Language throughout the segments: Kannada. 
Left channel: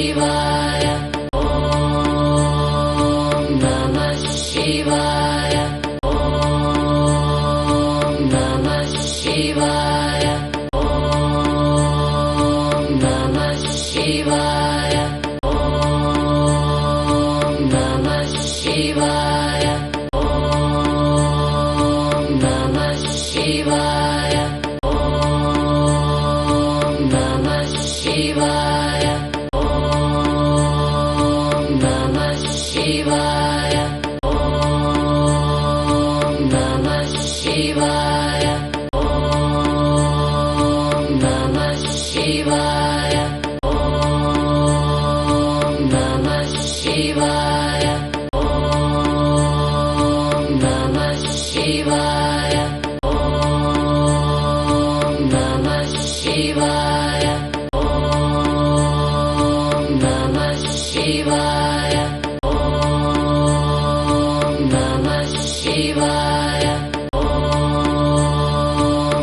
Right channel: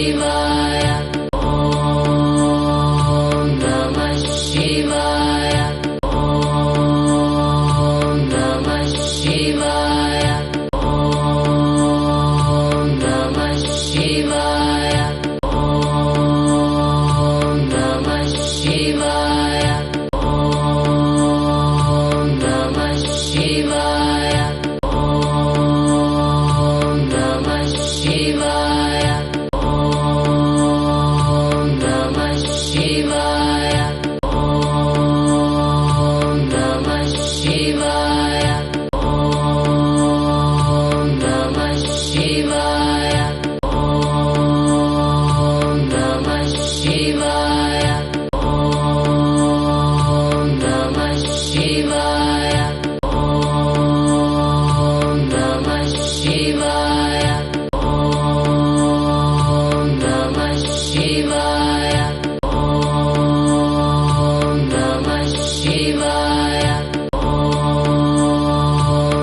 ಶಿವಾಯ ಶಿವಾಯ ಓಂ ನಮಃ ಶಿವಾಯ ಓಂ ನಮಃ ಶಿವಾಯ ಓಂ ನಮಃ ಶಿವಾಯ ಓಂ ನಮಃ ಶಿವಾಯ ಓಂ ನಮಃ ಶಿವಾಯ ಓಂ ನಮಃ ಶಿವಾಯ ಶಿವಾಯ ಓಂ ನಮಃ ಶಿವಾಯ ಓಂ ನಮಃ ಶಿವಾಯ ಓಂ ನಮಃ ಶಿವಾಯ ಓಂ ನಮಃ ಶಿವಾಯ ಓಂ ನಮಃ ಶಿವಾಯ ಓಂ ನಮಃ ಶಿವಾಯ ಶಿವಾಯ ಓಂ ನಮಃ ಶಿವಾಯ ಓಂ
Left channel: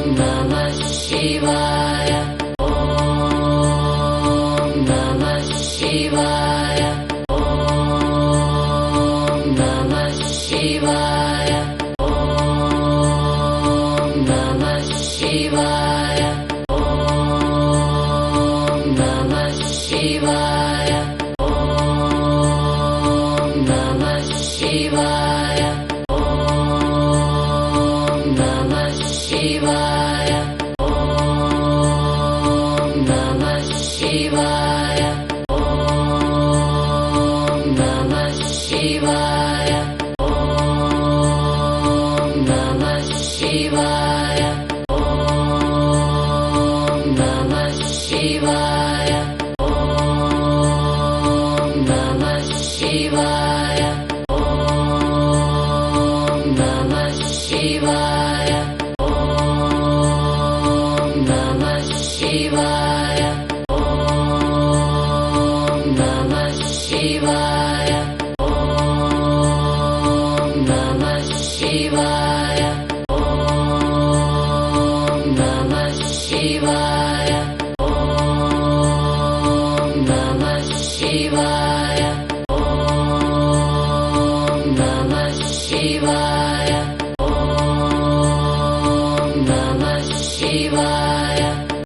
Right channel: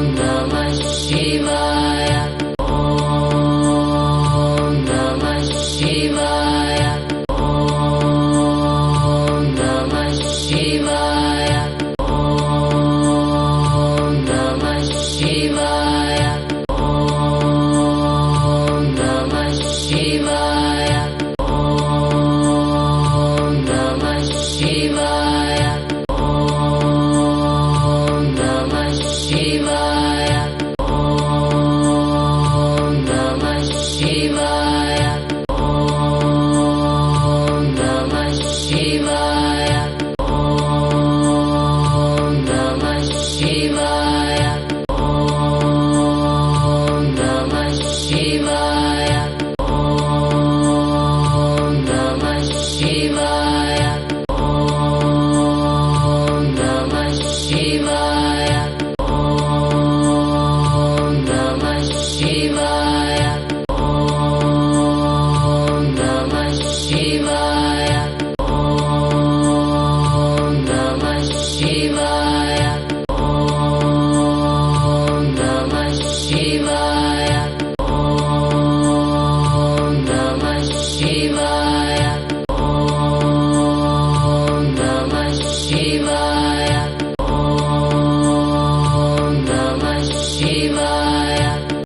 ನಮಃ ಶಿವಾಯ ಓಂ ನಮಃ ಶಿವಾಯ ಓಂ ನಮಃ ಶಿವಾಯ ಓಂ ನಮಃ ಶಿವಾಯ ಓಂ ನಮಃ ಶಿವಾಯ ಶಿವಾಯ ಓಂ ನಮಃ ಶಿವಾಯ ಓಂ ನಮಃ ಶಿವಾಯ ಓಂ ನಮಃ ಶಿವಾಯ ಓಂ ನಮಃ ಶಿವಾಯ ಓಂ ನಮಃ ಶಿವಾಯ ಓಂ ನಮಃ ಶಿವಾಯ ಶಿವಾಯ ಓಂ ನಮಃ ಶಿವಾಯ ಓಂ ನಮಃ ಶಿವಾಯ ಓಂ ನಮಃ ಶಿವಾಯ ಓಂ ನಮಃ ಶಿವಾಯ